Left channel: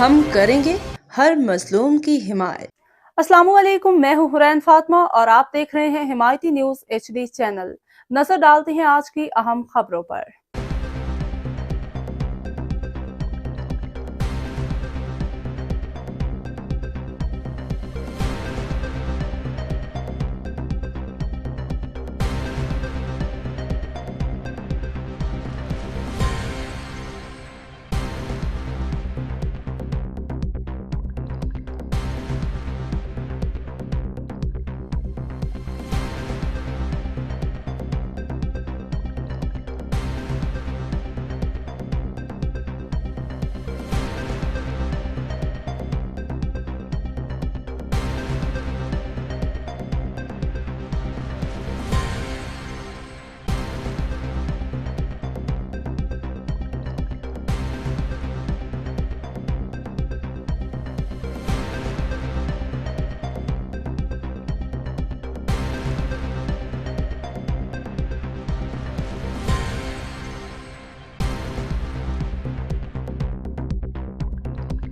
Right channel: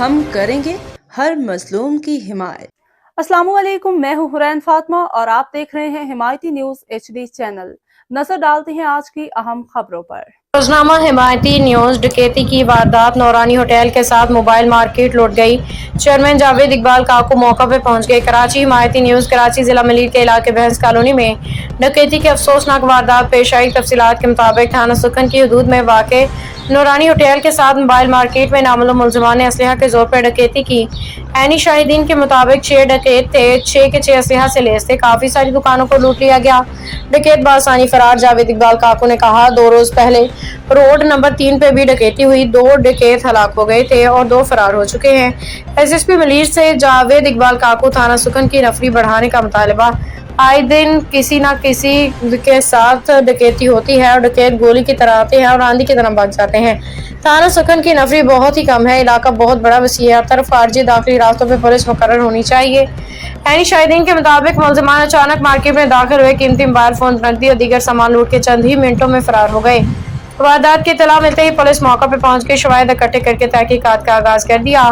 ہم کریں گے ہر مظلوم کی حمایت۔ السلام علیکم، میں ہوں حرین فاطمہ اور آپ دیکھ رہے ہیں حمایتی نیوز HD چینل۔ نظر ڈالتے ہیں آج کی اہم خبروں پر۔ روزنامہ حمایتی نیوز۔ ڈکیتی کی واردات، نورانی ہوٹل کے ساتھ موبائل مارکیٹ لوٹ گئی، چیئرمین جاوید اقبال کاکو موقع پہ پہنچ گئے۔ کراچی۔ حمایتی نیوز۔ کراچی ضلع ملیر کے علاقے بحث کالونی میں ڈکیتی کی افسوسناک واردات پیش آئی۔ تفصیلات کے مطابق تھانہ سکھن کی حدود میں واقع نورانی ہوٹل کے ساتھ موبائل مارکیٹ میں نامعلوم ملزمان نے اسلحہ کے زور پر ڈکیتی کی۔ عینی شاہدین کے مطابق 6 ڈکیت تھے، 6 کے 6 اسلحہ سے لیس تھے۔ کافی ساری دکانوں کو لوٹ لیا گیا، ڈکیت بآسانی فرار۔ جاوید اقبال کاکو نے کہا 2 روز پہلے روڈ نمبر 3 پہ بھی ڈکیتی ہوئی، 2 ڈکیت ہلاک ہو گئے تھے اور 2 فرار ہو چکے ہیں۔ SSP ملیر سے جاوید اقبال کاکو تھانہ سکھن کی نفری بڑھانے کا مطالبہ۔ آئے دن کسی نہ کسی کے ساتھ ڈکیتی ہوتی ہے اور ڈکیت گولی کی طرح آتے ہیں اور آندھی کی طرح بھاگ جاتے ہیں۔ تھانہ سکھن کی نفری بہت ہی کم ہے، علاقہ بہت بڑا وسیع ہے، ہر طرف خارجی داخلی راستوں پہ پولیس مقرر ہونی چاہیے۔ عینی شاہدین کے مطابق ملزمان اچانک مارکیٹ میں داخل ہوئے، قیمتی موبائل فون، نقدی اور دیگر سامان لوٹ کے چند ہی منٹوں میں فرار ہو گئے۔ واردات کی اطلاع ملتے ہی پولیس موقع پہ پہنچ کے شواہد اکٹھے کر کے تحقیقات کا آغاز کر دیا۔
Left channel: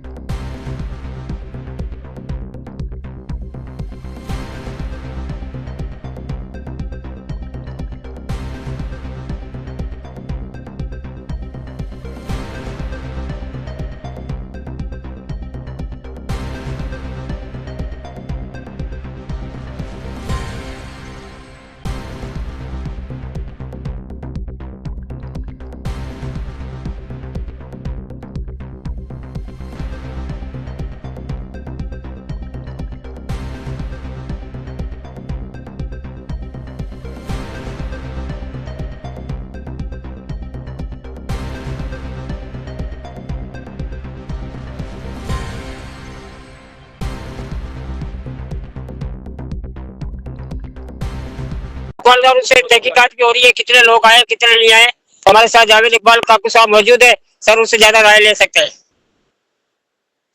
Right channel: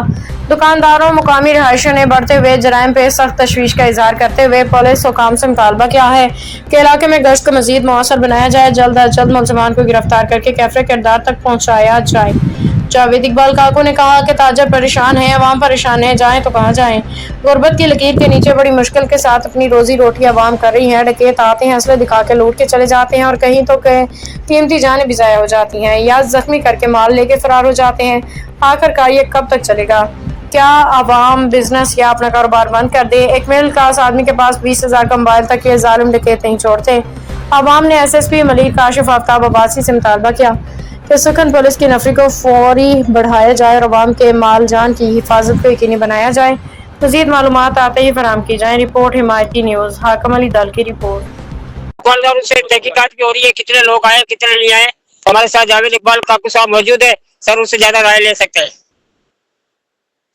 دکانداروں، مقامی رہائشیوں نے بڑھتے ہوئے جرائم پہ سخت تشویش کا اظہار کرتے ہوئے پولیس حکام سے مطالبہ کیا ہے کہ علاقے میں گشت کو مزید مؤثر بنایا جائے، جلد از جلد ملزمان کو گرفتار کر کے کیفر کردار تک پہنچایا جائے۔ جاوید اقبال کاکو نے کہا کہ تاجر پریشان ہیں، عوام پریشان ہے، جائیں تو کہاں جائیں؟ غربت کی لکیر کے نیچے بڑی مشکل کے ساتھ اپنی روزی روٹی عوام کر رہی ہے۔ ڈکیت آتے ہیں، اسلحے دکھا کے لوٹ کے چلے جاتے ہیں اور کہیں تو قیمتی جانیں بھی ضائع ہو جاتی ہیں یا زخمی کر کے مال لے کے فرار ہو جاتے ہیں۔ آخرکار یہ کب تک چلے گا؟ کیا عوام بزنس یا اپنا کاروبار بند کر دے؟ ایک مڈل کلاس آدمی کے پاس 20,000 کا موبائل تک یہ ظالم ڈکیت نہیں چھوڑتے۔ عوام نے SSP ملیر کاشف آفتاب عباسی سے مطالبہ کیا کہ سکھن پولیس کی نفری کو فوری بڑھایا جائے اور عوام کے مال جان کی حفاظت کو یقینی بنایا جائے۔ مزید معلومات آتے ہی فراہم کی جائیں۔ رپورٹ حمایتی نیوز۔ حاکم علی دل کی رپورٹ۔ دکانداروں سے تحقیقات کی ہو رہی ہے، کتنے لوگ آئے کتنے نہیں آئے۔ ہمارے ساتھ جاوید اقبال کاکو صاحب موجود ہے، سر اس سے زیادہ رائے لے سکتے ہیں۔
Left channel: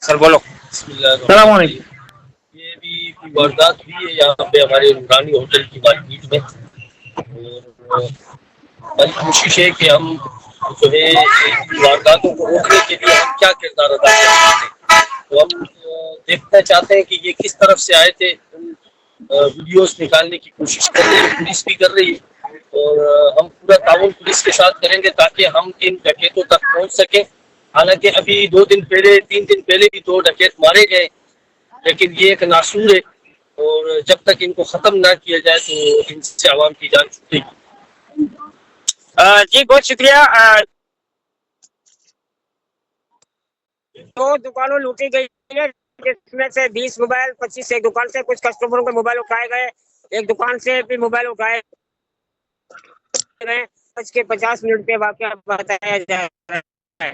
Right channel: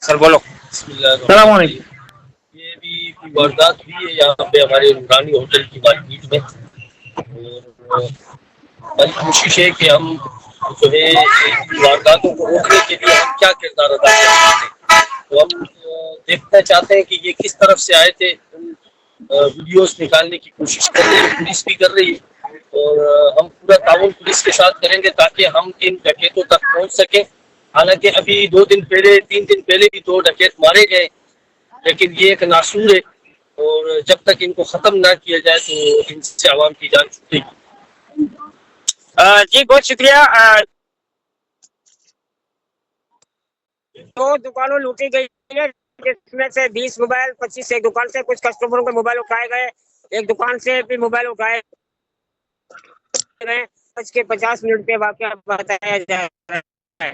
سر بولو۔ السلام علیکم۔ یہ بھی واردات ہوئی ہے یہاں پہ ہمارے نورانی ہوٹل کی مارکیٹ میں، اور ہماری کوشش ہے کہ ہم جو ہے وارداتوں کو روکنے کے لیے ہم کیا کردار ادا کر سکتے ہیں۔ تو ہم دیکھنا چاہتے ہیں کہ یہ کس طرف سے آئے تھے، ویڈیوز نکالنے کی کوشش کر رہی ہے، پولیس بھی کر رہی ہے، اور ہم پورا تعاون پولیس کے ساتھ کریں گے تاکہ ہم ان ڈکیتوں تک پہنچ سکیں۔ حالانکہ ابھی 2 دن پہلے 3 دن پہلے بھی 2 ڈکیت مارے گئے، لیکن یہ ایک ناسور ہے اور جب تک ان کو ختم نہ کیا جائے تو ان سے عوام کی جان چھوٹے گی۔ جی بہت شکریہ۔ 2 دکانوں لوٹی گئی ہے، جس میں سے 20 موبائل، 25 ایک دکان سے کچھ کسٹمروں کے موبائل اٹھائے گئے، ایک دکان سے بھی موبائل اٹھائے گئے۔ 5:50 پہ واقعہ بتایا جا رہا ہے۔